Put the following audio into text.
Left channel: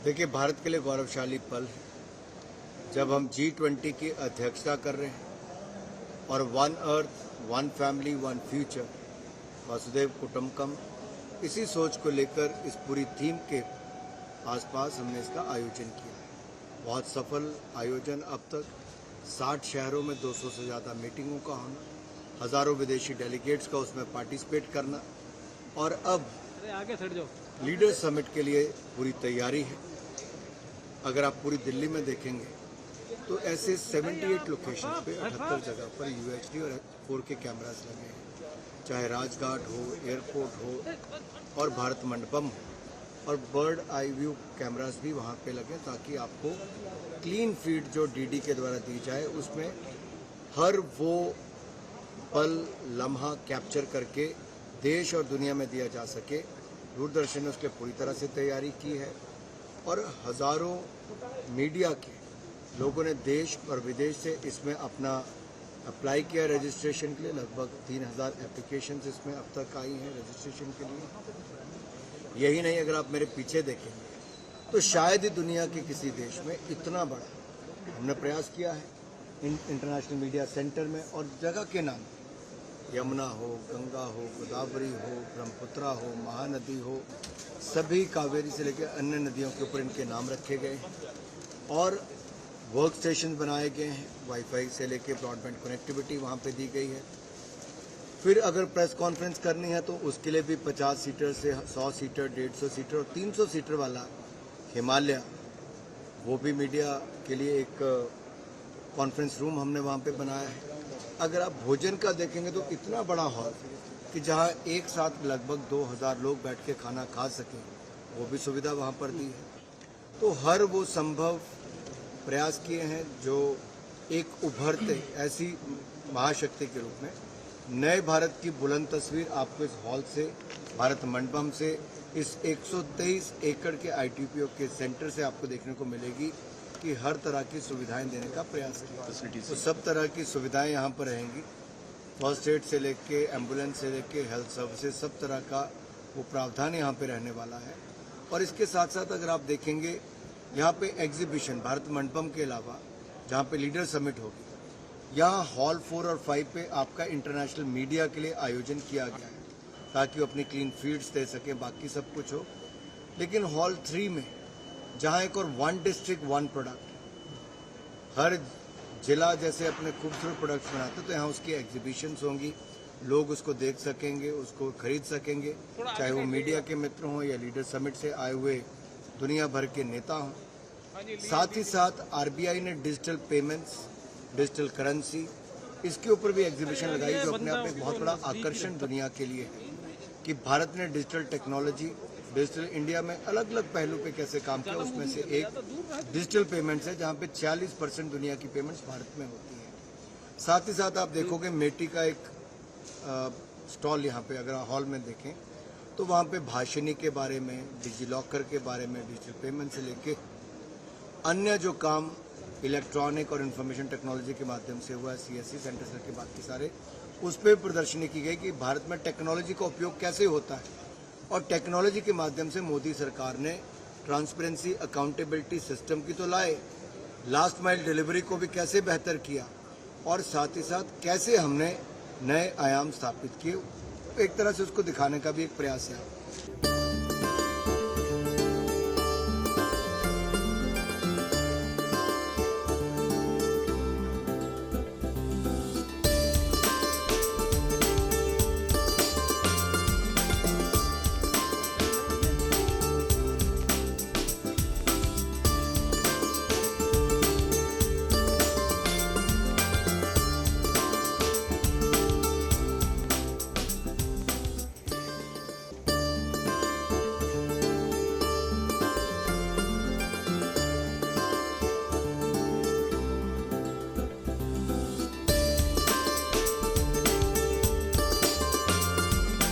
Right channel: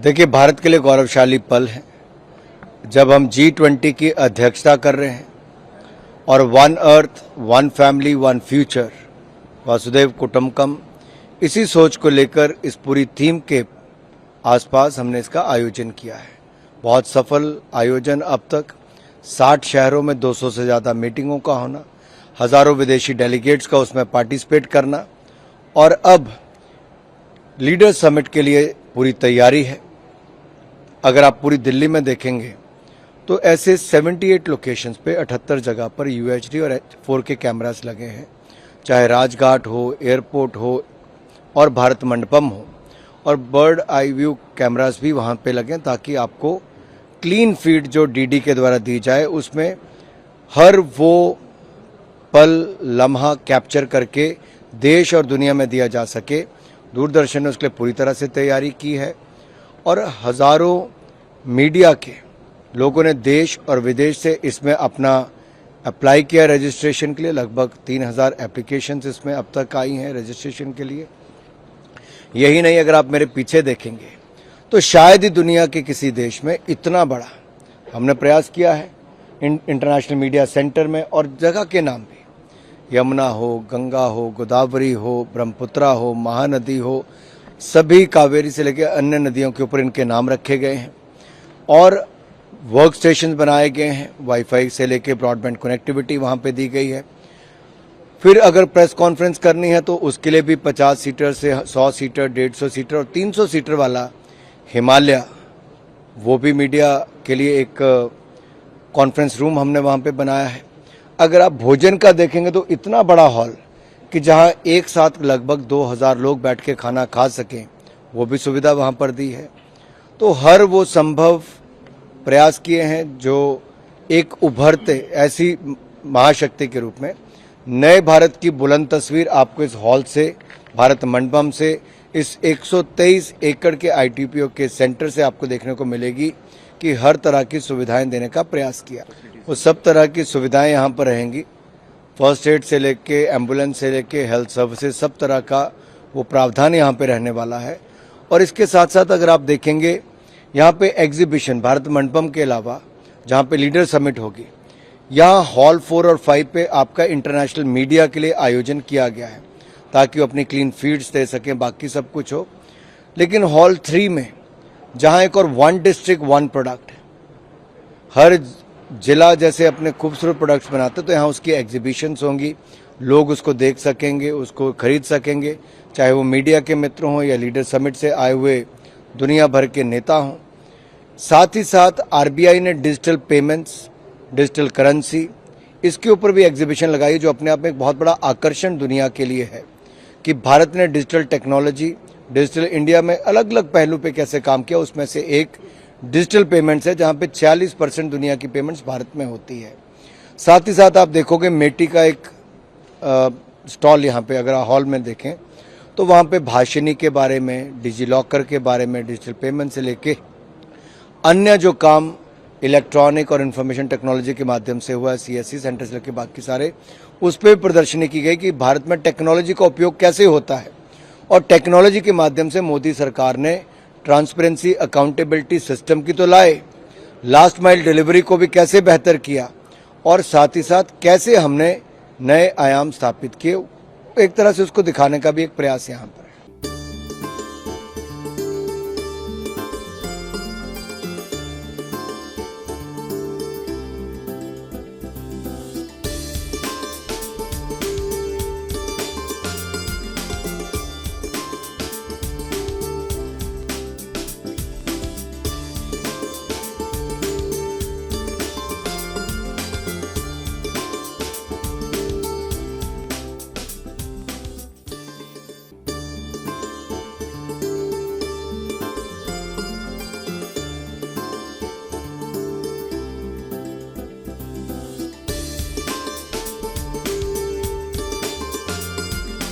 देखिए, भारत के लिए गौरवशाली पल है जब हम G20 की अध्यक्षता कर रहे हैं और one earth, one family, one future, वासुदेव कुटुंबकम, इसी सोच को लेकर इस पूरी थीम के आसपास हमने इसका आयोजन किया है। बहुत सफल आयोजन अब तक। 60 शहरों में 200 से ज़्यादा मीटिंगों का होना, हज़ारों विदेशी डेलीगेट्स का उसमें पार्टिसिपेट करना, और अब लीडर समिट के लिए पूरी तैयारी है। अगर आप पूरी दिल्ली में देखेंगे तो ऐसे 78 लोकेशंस पे 78 जगह पर UHD और 4K कैमरास लगे हैं, चाहे राजघाट हो, एयरपोर्ट हो और भारत मंडपम हो, और बर्ड आई व्यू कैमरास भी वहाँ पे लगे ताकि आपको क्लीन फीड जो DD के द्वारा दी जाए उसमें हर वो पल लम्हा कैप्चर करके देश और दुनिया में दिया जा सके। दूरदर्शन ने उसके लिए पूरी तरह से तैयारी की है और हज़ारों मीडिया के लोगों ने देश और विदेश से इसमें अपना अप्लाई किया रजिस्ट्रेशन के लिए। लगभग 3000 एप्लीकेशंस इसमें अब तक आई हैं रजिस्ट्रेशन के लिए। यही नहीं, अगर आप मेरे पीछे देखेंगे तो शायद ही दुनिया के किसी देश में इतना बड़ा हमने प्रयास किया है इंटरनेशनल मीडिया सेंटर में, और जगह के नाम भी, यमुना हो, गंगा हो, गोदावरी हो, ब्रह्मपुत्रा हो, महानदी हो, सभी कावेरी से लेकर अन्य नदियों के ऊपर इनके नाम रखे गए हैं और वर्क स्टेशन बनाए गए हैं। वाईफाई से लेकर ब्रॉडबैंड कनेक्टिविटी वहाँ पे दी गई है। फिर अगर प्रेस कॉन्फ्रेंस करनी है तो उसके लिए भी 50 सीटर से 100 सीटर, 150 सीटर और 300 सीटर वाला हिमालय, वो भी मीडिया के लिए एक कॉन्फ्रेंस रूम हमने वहाँ पे बनाया है। अगर आप भोजन का देखेंगे तो इतना बड़ा हॉल कि जहाँ एक साथ लगभग 2000 लोग बैठ के खाना खा सकें, वो भी सुविधा वहाँ पर दी है। तो हर वो संभव प्रयास किए हैं जो एक उभरते ऐसी महाशक्ति के रूप में नए भारत की बुलंद तस्वीर आपको इस हॉल से, भारत मंडपम से, इस 123 एकड़ के ITPO के सेंटर से आपको देखने को मिलेगी कि हर तरह की सुविधाएं देने का प्रयास किया। वो सब तरह की सुविधाएं यहाँ पर रहेंगी, फर्स्ट एड से लेके एम्बुलेंस से लेके हेल्थ सर्विसेज, सब तरह का वो प्रावधान यहाँ पे रहने वाला है। और इसके साथ साथ अगर आप देखेंगे यहाँ पे एग्जीबिशन भारत मंडपम के अलावा जहाँ पे लीडर समिट होगी, यहाँ हॉल 4 और 5 पे आपका इंटरनेशनल मीडिया के लिए आयोजन किया गया है ताकि वो अपनी क्लीन फीड्स दे सकें, बाकी सब कुछ हो। लेकिन हॉल 3 में जहाँ एक और वन डिस्ट्रिक्ट वन प्रोडक्ट, हर जिला जैसे अपने खूबसूरत प्रोडक्ट्स बनाते, तो यहाँ उसकी एग्जीबिशंस होंगी, लोग उसको देख सकेंगे, उसको खरीद सकेंगे, चाहे वो मीडिया के मित्र हों या लीडर समिट से आए हुए दुनिया भर के नेता हों। साथ ही साथ RBI ने डिजिटल पेमेंट्स, डिजिटल करेंसी, इसके ऊपर भी एग्जीबिशन लगाई जो अपने आप में एक बहुत बड़ा आकर्षण दुनिया के लिए है कि भारत ने डिजिटल टेक्नोलॉजी, डिजिटल इंडिया में अलग अलग पहलू पे कैसे काम किया। उसमें से एक डिजिटल पेमेंट्स है जहाँ पे 46% दुनिया की पेमेंट्स भारत में होती है। साथ ही साथ आप देखोगे मेटी का एक स्टॉल यहाँ पे, अगर हॉल में देखें तो वहाँ पे भाषिनी के बारे में, डिजीलॉकर के बारे में, डिजिटल पेमेंट से लेके अन्य जो काम इलेक्ट्रॉनिक और इंफॉर्मेशन टेक्नोलॉजी के माध्यम से हुआ है, CSC सेंटर से लेकर बाकी सारे, उस पर प्रदर्शनी की गई कि भारत में टेक्नोलॉजी का उपयोग कैसे होता है और टेक्नोलॉजी के माध्यम से मोदी सरकार ने ट्रांसपेरेंसी, अकाउंटेबिलिटी सिस्टम की तो लाए, लास्ट माइल डिलीवरी को भी कैसे बेहतर किया और साथ ही साथ कैसे हमने नए आयाम स्थापित किए, एक तरह से उसको दिखाने का भी एक प्रयास यहाँ